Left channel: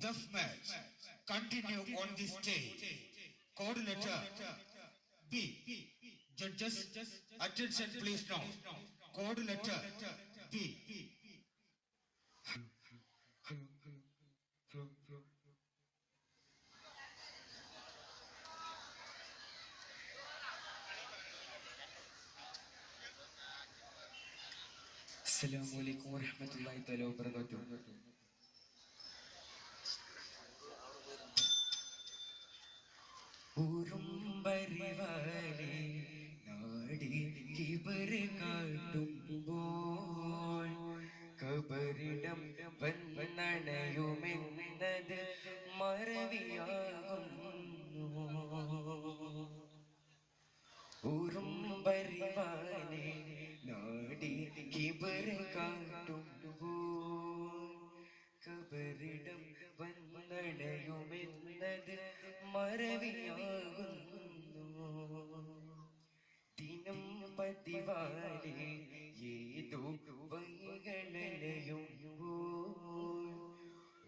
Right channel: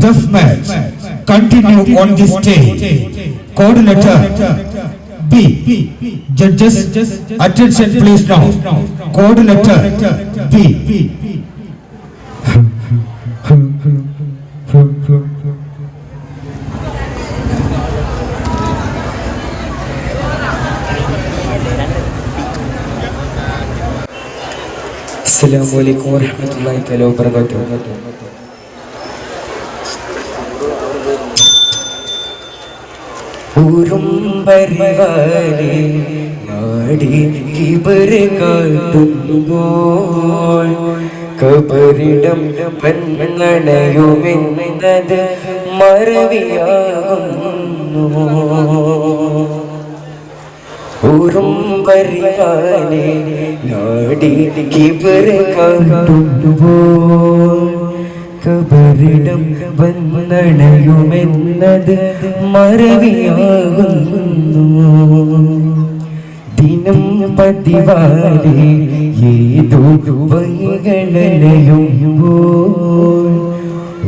This match continue on this stage. Code letter B. Judges, attention please now. Code letter B. Assalamualaikum warahmatullahi wabarakatuh. ഉറുമ്പരിവാലേ നാടി കിബർ കാട്ടുമ്പോൾ കബറിടം പെണ്ണണയുമെന്നത് മറവിയാകുന്നു. ഉറുമ്പരിവാലേ നാടി കിബർ കാട്ടുമ്പോൾ കബറിടം വന്നണയുമെന്നത് മറവിയാകുന്നു. ദിനം പതിവാലെ ഏതോ വൈകളലയുമ്പോൾ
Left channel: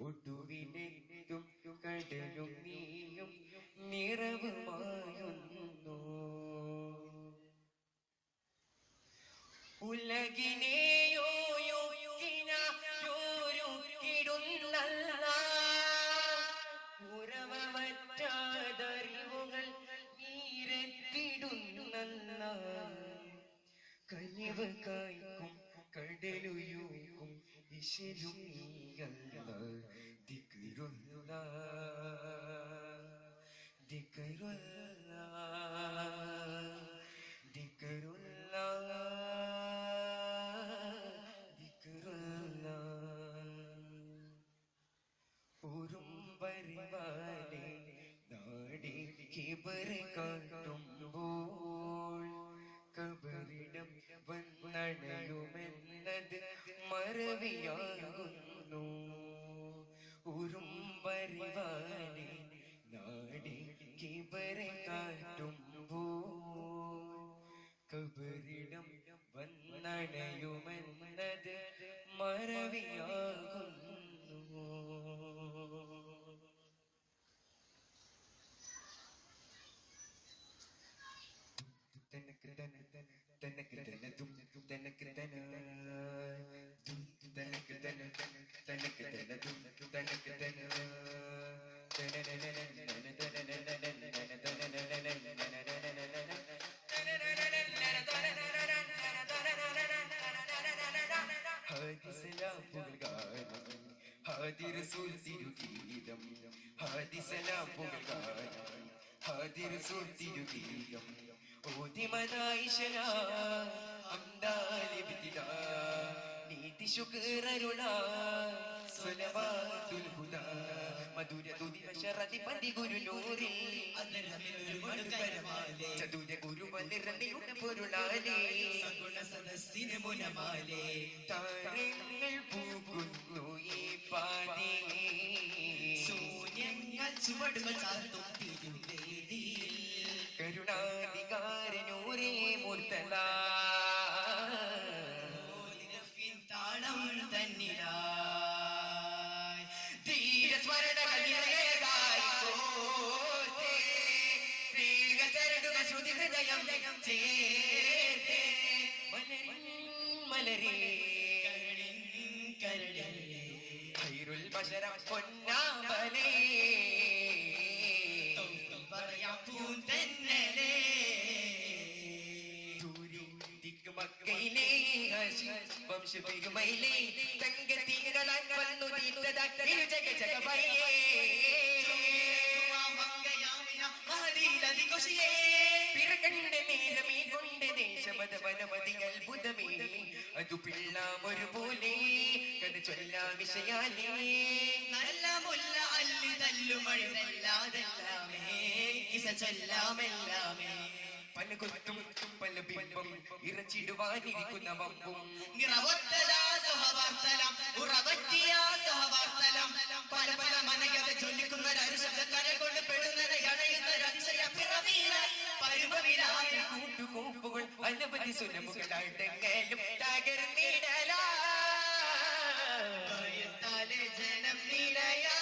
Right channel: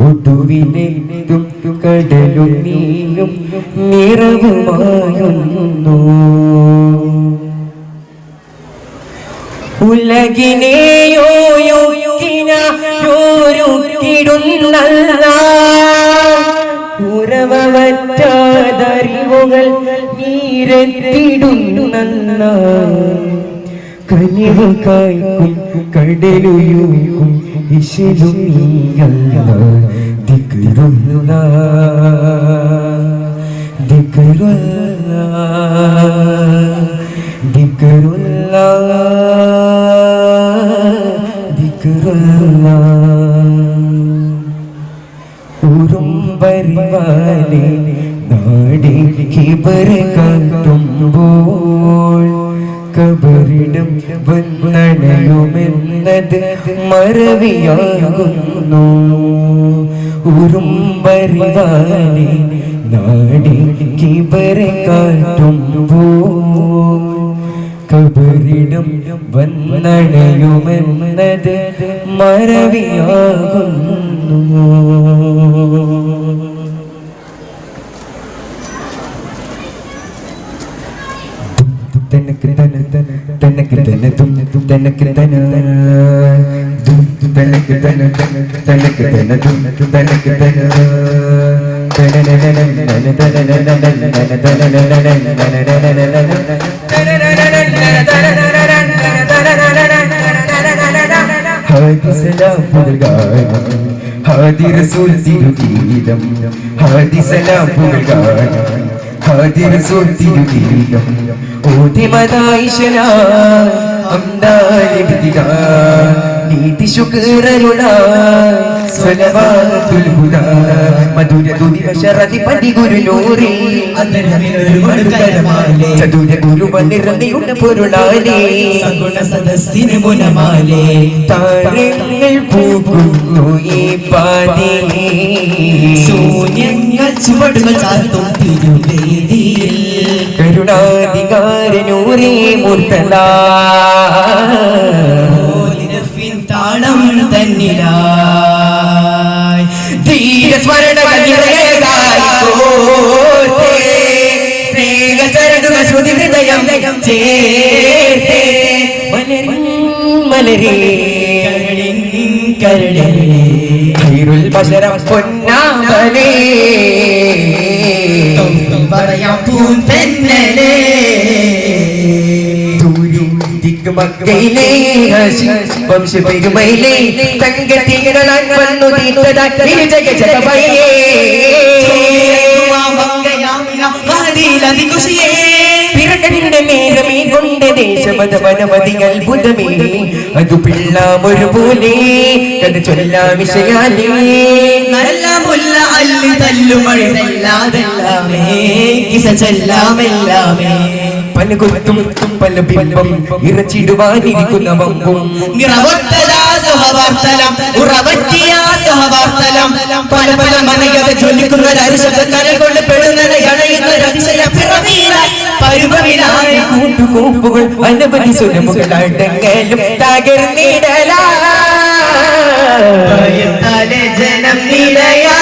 ഒടുവിലെത്തും കടലും നീയും നിറവുമായുന്നു. ഉറവറ്റാതറിവുകൾ നീരെത്തിടുന്ന കനിവ് കായ്ക്കും കടലുയൂക്കും ഇശലും നീയല്ല. ദിക്റുള്ള ദിക്റുള്ള ദിക്റുള്ള ദിക്റുള്ള. ഉറുമ്പരിവാലേ നാടി കിബർ കാട്ടുമ്പോൾ കബറിടം വന്നണയുമെന്നത് മറവിയാകുന്നു. ഉറുമ്പരിവാലേ നാടി കിബർ കാട്ടുമ്പോൾ കബറിടം വന്നണയുമെന്നത് മറവിയാകുന്നു. തനക്ക് തന തനക്ക് തന തും തനക്ക് തന തനക്ക് തന തനക്ക് തന തും തനക്ക് തന ഹാദി സലാം പുൽഗാനം ഹാദി റസൂൽ തിരുഗീതം ഹാദി സലാം പുൽഗാനം ഹാദി റസൂൽ തിരുഗീതം ഓതി മദായിശന അംദാലി ബിദിഗാ നീതി ശുക്രരുള സ്വലവാതുൽ ഹുദാ മധുര ദുനി വശറതി പടി ഗുരു നൂറി അന്തരമിനൊരു മടുകരമാലേ ചതുര ഗുരു വന്നിറങ്ങിയുടെ പൊരുളാലേ സഗുണ സദസ്സിന് മുനമാലേ താരങ്ങൾ പൂക്കുന്നു ഈ പാതിലേ ശൂന്യങ്ങൾ ചുവടുകൾ ചാർത്തും തിരുവേദിയിൽ കരുണാധികാരനൂരേ മുർത്തല താളം തന്നിലായി ധീരസ്മരണകളേകായി കോർത്തേ സ്നേഹചരണുക ശ്രുതി ഹൃദയം ചേർത്തേ മലരേ കരളിൻ കരളേ ഖൈറുൽ ബശരം പൊന്നാമലേ പറയാം പൂന്തന്നലേ മക്കയിലെ വംശപെരുമയിലെ തങ്കത്തികളാൻ വന്നു തീർത്തതാ ജഗജഗമയേ പിറകന്റെ മേഘമേ കൊണ്ട് ദേശമത വനമതി അത്ഭുതമേ അതു പിള്ളാമൊരു പോലെ കഥ ചൊല്ലാമിശയാലേ നല്ലാമുല്ല അല്ലു തല്ലുമഴല്ലാതെല്ലാമേ കിസ ചെല്ലാമെല്ലാമേ പലകുത്തും പല ബിംബം ഇറച്ചിടുവാനിരിക്കുന്ന വമ്പും പല പല മനകഥ ചൊല്ലിക്കുന്ന കൊണ്ട് പെടുന്നവീരായ കൂട്ടുകൂപ്പുകൾ അനവധി സുരമുകളടങ്ങലും തകർന്നിടലാ ജനം നിലയാ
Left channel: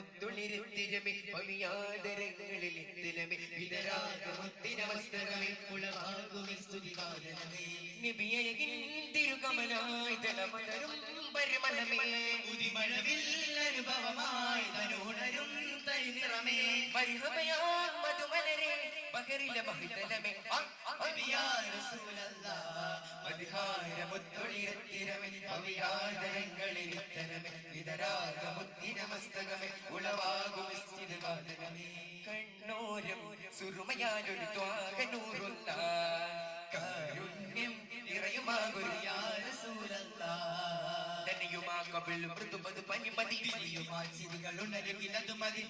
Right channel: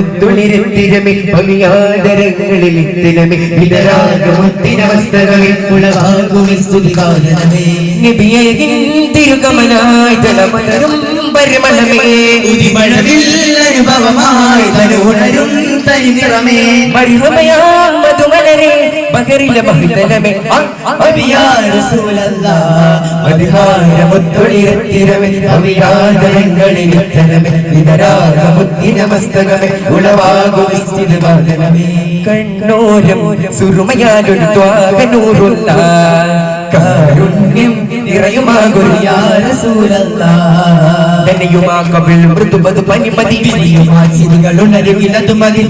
മുത്തുളിരത്തിരമേ പവിയാദരങ്ങളിൽ ഇത്തിരമേ വിതരാഗമുത്തിനവസ്ഥകളിൽ ഉളവാകുമി സ്തുതികാരണമേ നബിയേകിൻ തിരുകമലായി തലമലരും പരിമളമേ ഉദിമഴവിൽ അനുഭവമായി തനുണരും തനിനിറമേ മരിഹമയാം മധുമലരെ ബഹറിലെ ബഹുതലമേ നബിയാ റസൂലല്ലാഹ് മദ്ഹാരമുത്തുളിരത്തിരമേ പവിയാദരങ്ങളിൽ ഇത്തിരമേ വിതരാഗമുത്തിനവസ്ഥകളിൽ ഉളവാകുമി സ്തുതികാരണമേ കണ്ണോരം സുറുമയാലൊരു ത്വാഗനൂറുള്ള കാരുണ്യം നിറയുമാകുരു യാ റസൂലല്ലാഹ് ധനയുമാ കബിൽ മൃദുപതു പനിമതി വിരിയുമാ ചിരികളുണരുകിലതു മതി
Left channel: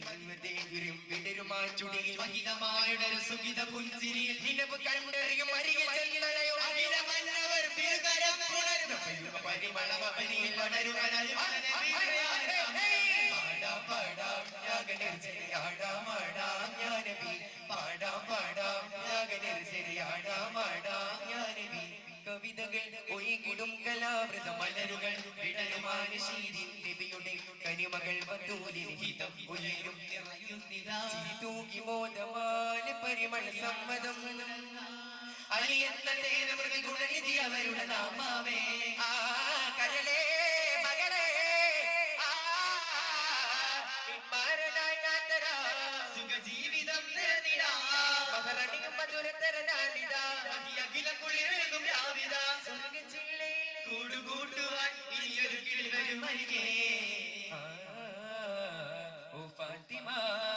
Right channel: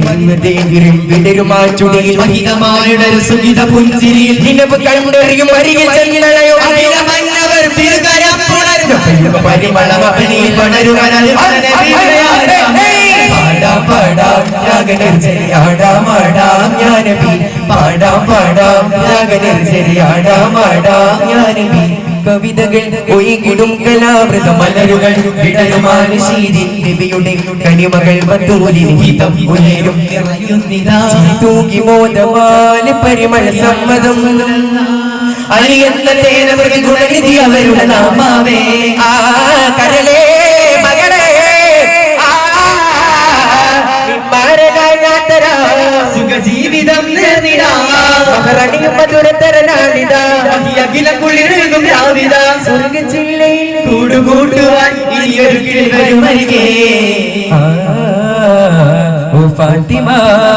വിടരുമാ ചുടിയിൽ മഹിതമായുടൊരു സുഗിത പുഞ്ചിരിയിൽ നിലവ് കണ്ടെറിയും അരികിൽ ചെന്നളയോ അഖിലമന്നവർ തിരുകരം പുണരുന്നു പരിമളമപനിയിൽ പടരുവനൽ പാടാം പാടാം രാഗനർച്ചരിയാടാം ആടാം ഞാനബി പാടാം പാടാം രാഗനർച്ചരിയാടാം ആടാം ഞാനബി കവിതകൾ ഒഴുകിടും കലാമൃത മലരുകൾ വിടരുമാൻ ശീതിൻ നബിയുടെ കനിമകൾ മധുരിൻ ഹിതം ഉയരും തൂകി മോദമാല് പരിമള സമ്മതം അലിയെന്ന തേനവൃതി ഗുണനിധി അവരുടെ നാമാവേ ആ കരളേ മകളെ സുഖജീവിതം നേർന്നിടാം മധുരതരനാളിതാ അഖില കുളിരും രാവിത സ്വർഗജില്ലയിൽ കൂടുകൂട്ടുവാൻ ഇനിയൊരു കിളി വരും അരികെ ഫാത്തിമ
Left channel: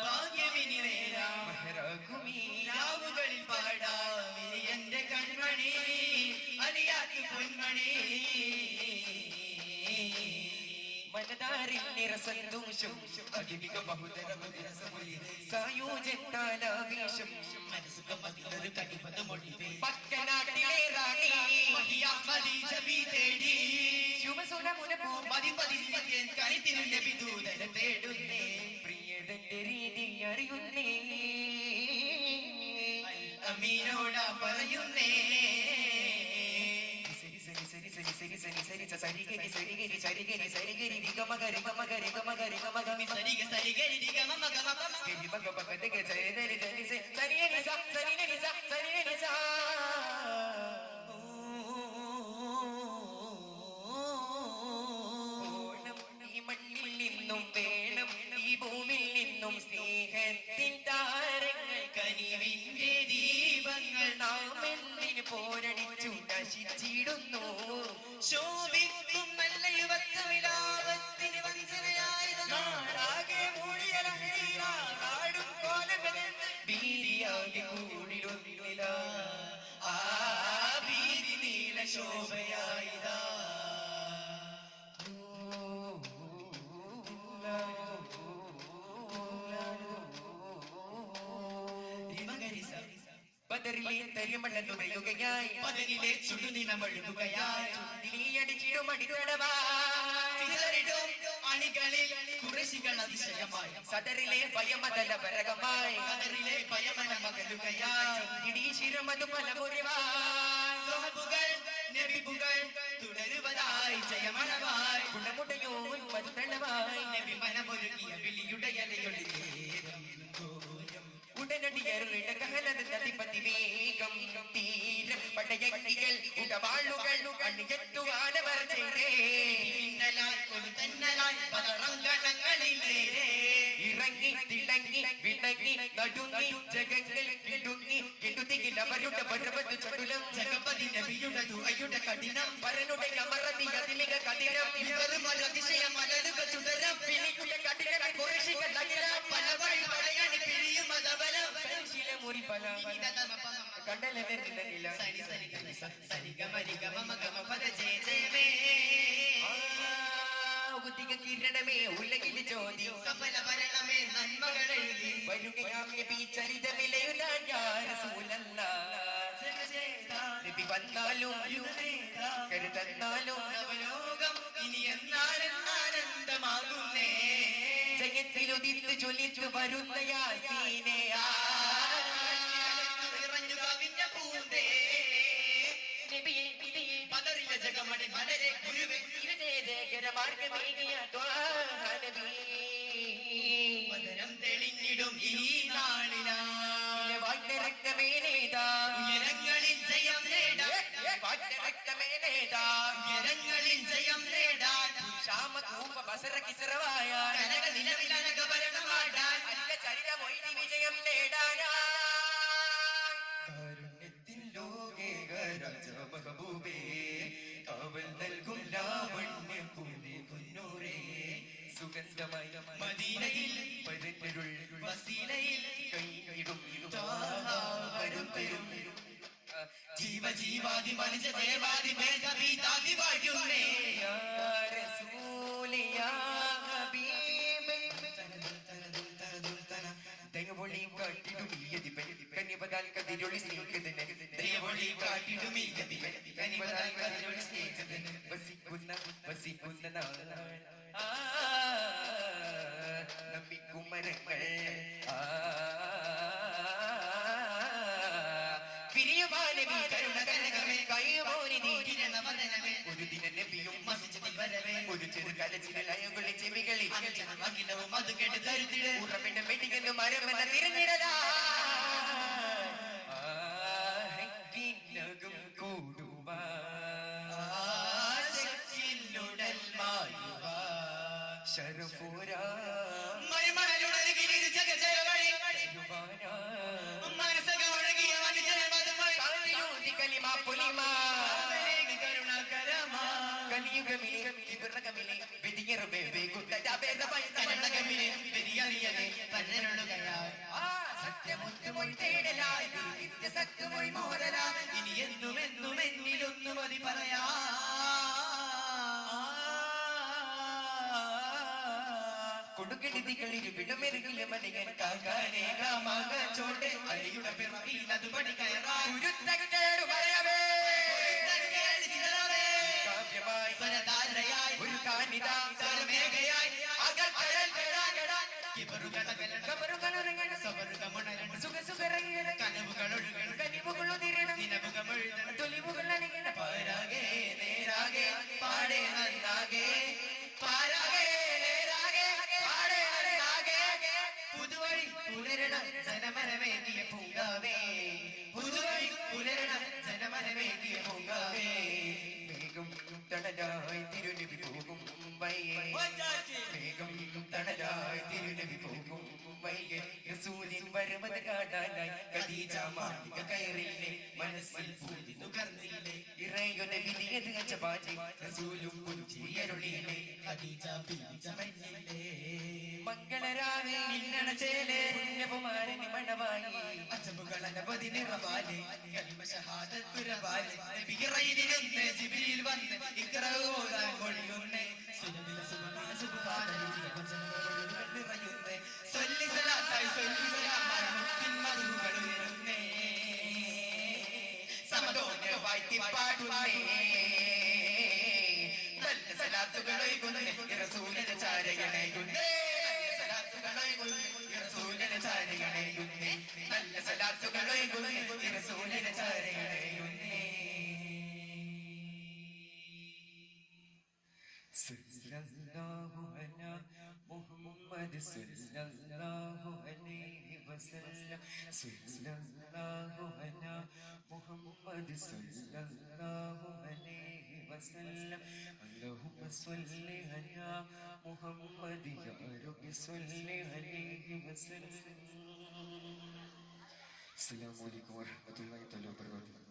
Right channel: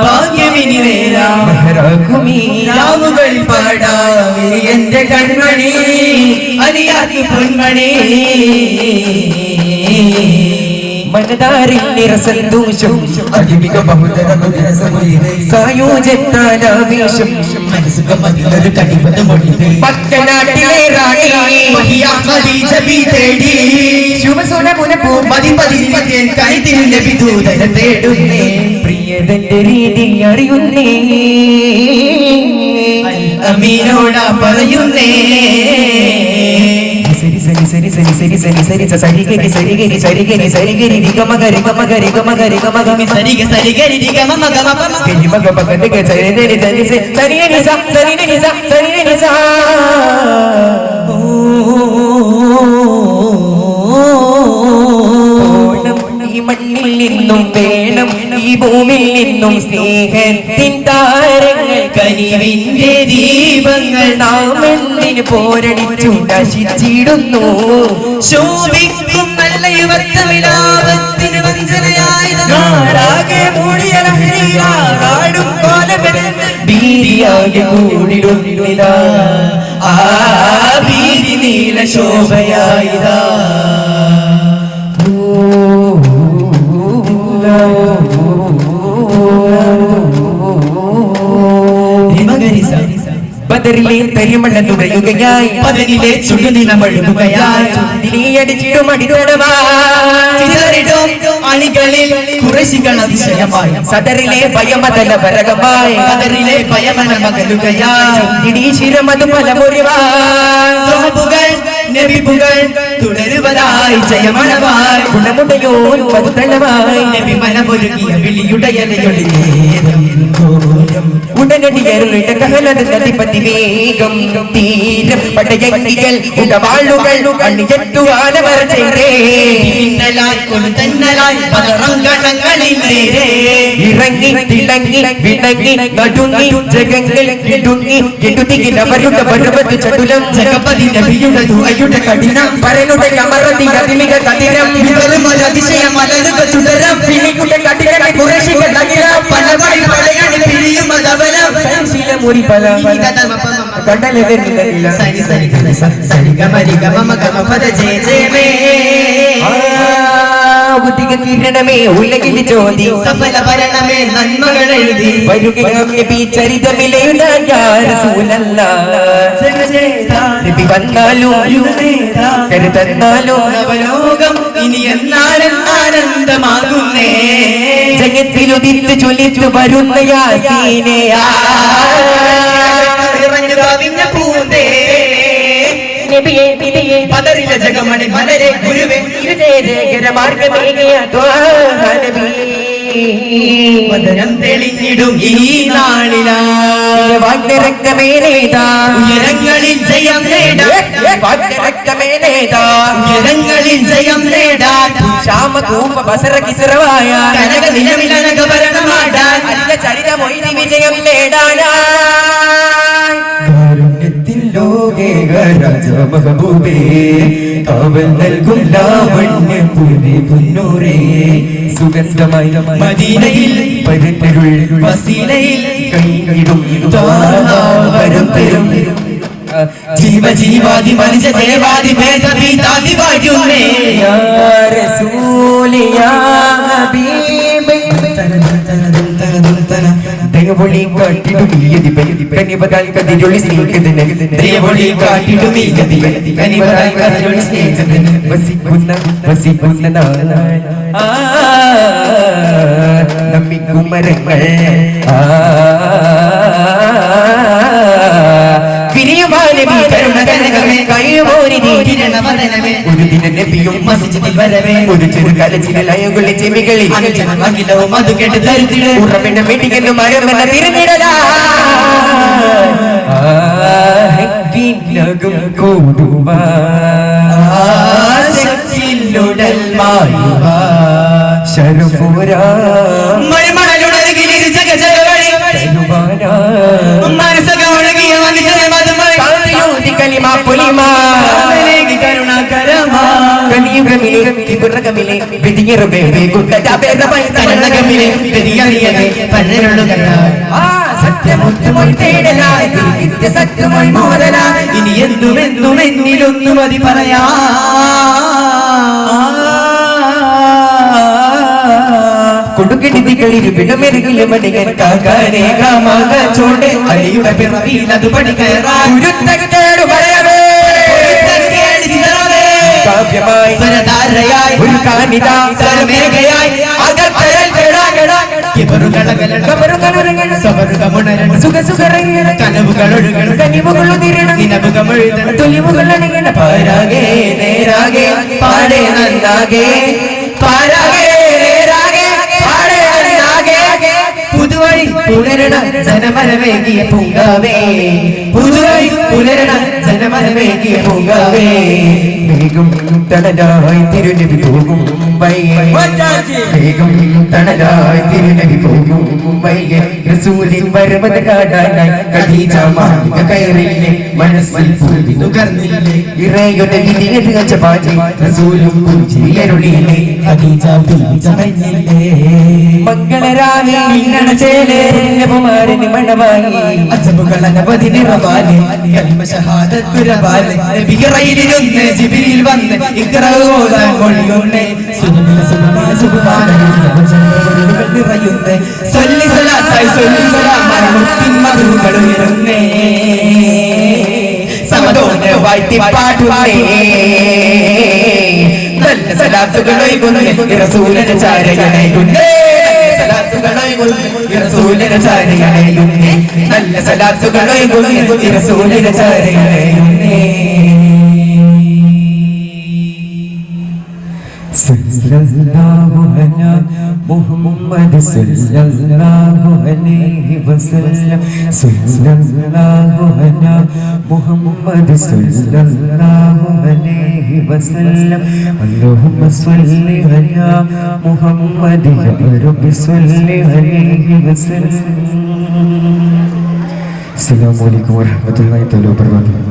ഭാഗ്യമിനി നേരാം മെഹ്റാകുമീ രാവുകളിൽ പാടാം എന്റെ കൺമണി അലിയാക്കി പൊന്മണി മനതാരിൽ നിറസന്തോഷം അധിമിക ബഹുതര സായോജത്താലാവേശം മനസ്സുഖമതിലൊരു കടിവത മൊഴിവേ പക്കനാട്ടിലെ റാണി ഖദീജ ബി തേടി ശുഭസുനമുനപ്പൂ മതിപതിരിവൻ കൈതിരു നബി ദൂതന തേടുന്നേ പ്രിയതന്റെ രീതി അറിയുന്നേ അമീനോടാ പറയുന്നേ സരി സരി സരി സരി സരി സരി സരി സരിഗരി സരിഗരി സരിഗരി സരിഗരി നിഗമഗരി ഗമഗരി ഗമഗരി ഗമഗമി സരിഗ സരിഗരി നിഗമഗമഗമ ഗരി മഗമഗരി സരിഗരി സരി സരിഗരി സ സരിഗരി സ സരിഗരി സ ഈ മണ്ണിൽ നിന്നും വേണം ഈ ഭൂമിയിൽ നിന്നും സ്നേഹത്തിൻ താരങ്ങൾ കനിവിന്റെ ദീപങ്ങൾ നാം എന്തിന് പോരടിച്ചു നശിച്ചിടുന്നു ശോഭിക്കും നല്ല യുവത്വവിലാപത്തിന് വഞ്ചനയായി നാടാകെ മൂടിയ ലഹരിയാടും ഭീതിയാകെ കൂടിടുന്നിതാ ആ ഭീതി നീല ശോഭയായിതാ ബദറിലെ തരിമണ്ണ തുഴയുകയായി പതിനിലെ ചുടുനിലമഴുകുകയായി ചുണ്ടിലിയടിച്ചിടും അടിതടമായിടും അണികളിൽ കുറശികൾ അതിശയമായി സദറിലെ ഭയമതല വരകമായി കദറിലെ ഭയമന മകലുകയായി ഇടീശിരമതു പലമുറിവാൾ നബിപുകൾ തുടരുവതായി ജയമണവായി ഗുണമുടയോ പതുതളവായി നബി മനമൊരുകിയ വിളിയുടയലയൊളിയേ ഉടനടിയരുളിട കഹലത് നദിപതി വേഗം തീരം പടയങ്കികൾ ഉടവാളുകൾ അണിയെത്തുവാനവർ ചെയ്തേ ഇന്നലായി കൊളുതന്നലായി പതറങ്കണങ്ങളിൽ നേരെ ഇറങ്ങി തിളങ്ങി വിളങ്ങി നടുങ്ങി ജഗങ്ങൾ കിടുങ്ങി കിടുതിയിൽ അവരുടെ പർവ്വത ചടുലം ജഗപതി നബിയുടെ ദുആയുടെ കഠിനം പരനുടെ അമരതി അതിമിക കഠിനം വിവരം അതിശയം മലരുക തുടരം പിണിയുടെ കഠിനം കുറശികൾ അഖില പലവഴി പലയണി പിരിയും അതവലം ശീലമുറി പല കണ്ടലെതിരില്ല സരി സരി സരി ഗമരി ഗമ ഗമ പദ ജയ ജയമേ ബുദ്ധിക കിരണമേ ഉലകിൽ ജ്യോതി സഫല ഭരണമേ നന്മകൾ എഴുതി വരുകയാമി ചരിതമിലെഴുതാൻ യാ റസൂലല്ലാഹ് നബി വന്നാലും കരുതന്നാലും നവലോകം ഇനി എന്നാലും ആനന്ദമാകുന്നേ ജഗത്തിലുദിത്ത് ചൊല്ലിച്ചു വരുന്ന യാസീനയാ ഇറങ്ങി കവിഞ്ഞ പൂന്തേ നബിയേ വിധിയേ പദറിലെ ജഗമണി മലരെ ഗുരുവേ ഇരുജയകര മാർഗമേകിയ ത്വാഹ നബി വദനം തെളിഞ്ഞിടും ഈ നാളിലാ വാഗ്ദരക്തമേനേതാ ഉയരങ്ങളിൽ ജയം നേടാ വാഗ്ദരക്തമേനേതാ ഉയരങ്ങളിൽ ജയം നേടാ ശ്യാമകൂപ ബസറ കിസറവായ കനക നിലവിലനകഭരണമാടാൻ അല്ല ചരിതമൊയ്തി വിജയം നേടാനായി കാരുണ്യത്തിൻ ലോകേക രാജമഹബൂബേ കാവൽ നൽകും ലാവണ്യ പുരി പുന്നൂരേ സുഗന്ധമായി മദീനയിൽ പരന്നരുൾ വസീലയിൽ കൈയിടും വരും പെരും ജീവ ജീവാദി മനുഷ്യ ദേവാദി ഭേദഭീതാദി വാഴുന്നേ യാ റസൂലി യാ ഹബീബി ദയവൊളി കാട്ടിടും ഈ യതിപതി കനിവതാൽ കതിരൊളി സ്നേഹിതന് ദയവൊളി കാട്ടിടും ഈ യതിപതി കനിവതാൽ കതിരൊളി സ്നേഹിതന് വസിക്കുന്ന നാളായി നമ്മിക്കും മരങ്ങൾ വിരിയുമാനവി കരുണ കനകമേ കഴിയുമോരിതി കിരണവദനമേ ഒരു ദിന നബിയും മസ്ജിദിൽ വരവേ ഒരു ചെറുകാലച്ചിലയുകളിൽ ചെവികളിൽ അനുജനമകിലവും അത് കേട്ട് തരുത്തിട ഉറവിട മെടിക്കുന്നു മരമെന്ന തിരുന്നിടലാ ആഹ്കിനകം കൂടുവാ ശക്തിയിലുടൽ മായുവാ ശരഫുരാ മരുമണലുടരുകിലിരു ജഗജഗവഴി തരുവാനാ മനസ്സകമൊഴുകിയ മനുഷ്യനെ കാന്തിയൂതി കലിമ പുലിമാ കരുണാകരമാ കലിയുഗമിലെ കിബുറകമിലെ വെടിയറുബേ ഗുണ്ടജാബേദമൈ തനനഗമിലെ വെടിയറിയവേ പന്നരുളുകളായി ആ സത്യമുത്തുമൊഴി തേടലായി നിത്യ സത്യമൊഴി മോദലായി ഇനി എന്നും എന്നും എന്നിലൊന്നും മതി പറയാ കൊടുക്കെടുതികളിൽ വിടമെരുകിലെ മണികൻ കാകാനെ കാമാക ചോടെ അലിയുടെ പിറവിയിൽ അത് പണികയറാ ഉരുത്തക്കേടു പറയവേ കാവ്യമായി സ്വരധാരയായി ഒരു കാനിത സ്വരമേഘയായി അകത്തരൽ കേടാകടാ കനവുകളൊഴുകണം കനിവുകളുതിരണം നിലവുകളൊഴുകണം തൊലിവുകളണികണ പാരാകെ നേരാകെ പാടേ നന്നാകെ പാരാകെ പുതുവഴി പുലരണ ജനമരമേകിയ പൂങ്കാവേ പുതുവഴി പുലരണ ജനമരമേകിയ പൂങ്കാവേ വേഗം തണലായി തിരുനബി പോകും വേഗം തണലായി തിരുനബി പോകും റസൂലിൻ വരവത് കാടാനായി ഖദീജ മാലിക കയറിയില്ലേ മനസ്സിൽ പൂവി നുകർന്നില്ലേ ഇറയുടെ വിധിയത് അജപാജി റസൂലും പുഞ്ചിരിയരുളിയില്ലേ ഖദീജ ചമഞ്ഞില്ലേ മംഗളരാവി നിന്നണ ചേലേ നബിമാരന് മണമായി അജബുകളനവധി നിറവാലേ കലിമ ഷഹാദത്ത് കുരവാലേ നബിയറയിലിരുന്ന് ജിബ്രീൽ വന്ന് ഇഖ്റ ഓതാൻ മൊഴിയുന്നേ സുബ്ഹാന നിറയുന്നേ സല്ലി സലാത്തായി സല്ലി സലാമായി മുത്തിൻ മധുകൾ ഉയരുന്നേ സമതോനെ വാഴ്ത്തി പാടുന്നേ നല്ല സലാത്തുകളൊഴുകുന്നേ റസൂലിന്റെ ചാരയണയുന്നേ റസൂലിന്റെ ചാരയണയുന്നേ നല്ല സലാത്തുകളൊഴുകുന്നേ റസൂലിന്റെ ചാരയണയുന്നേ സല്ലല്ലാഹു അലാ മുഹമ്മദ് സല്ലല്ലാഹു അലൈഹി വസല്ലം സല്ലല്ലാഹു അലാ മുഹമ്മദ് സല്ലല്ലാഹു അലൈഹി വസല്ലം അല്ലാഹുമ്മ സ്വല്ലി അലാ മുഹമ്മദ് റബ്ബി സ്വല്ലി അലൈഹി വസല്ലം അസ്സലാമു അലൈക്കും വറഹ്മത്തുള്ളാഹി തആല വബറകാതുഹു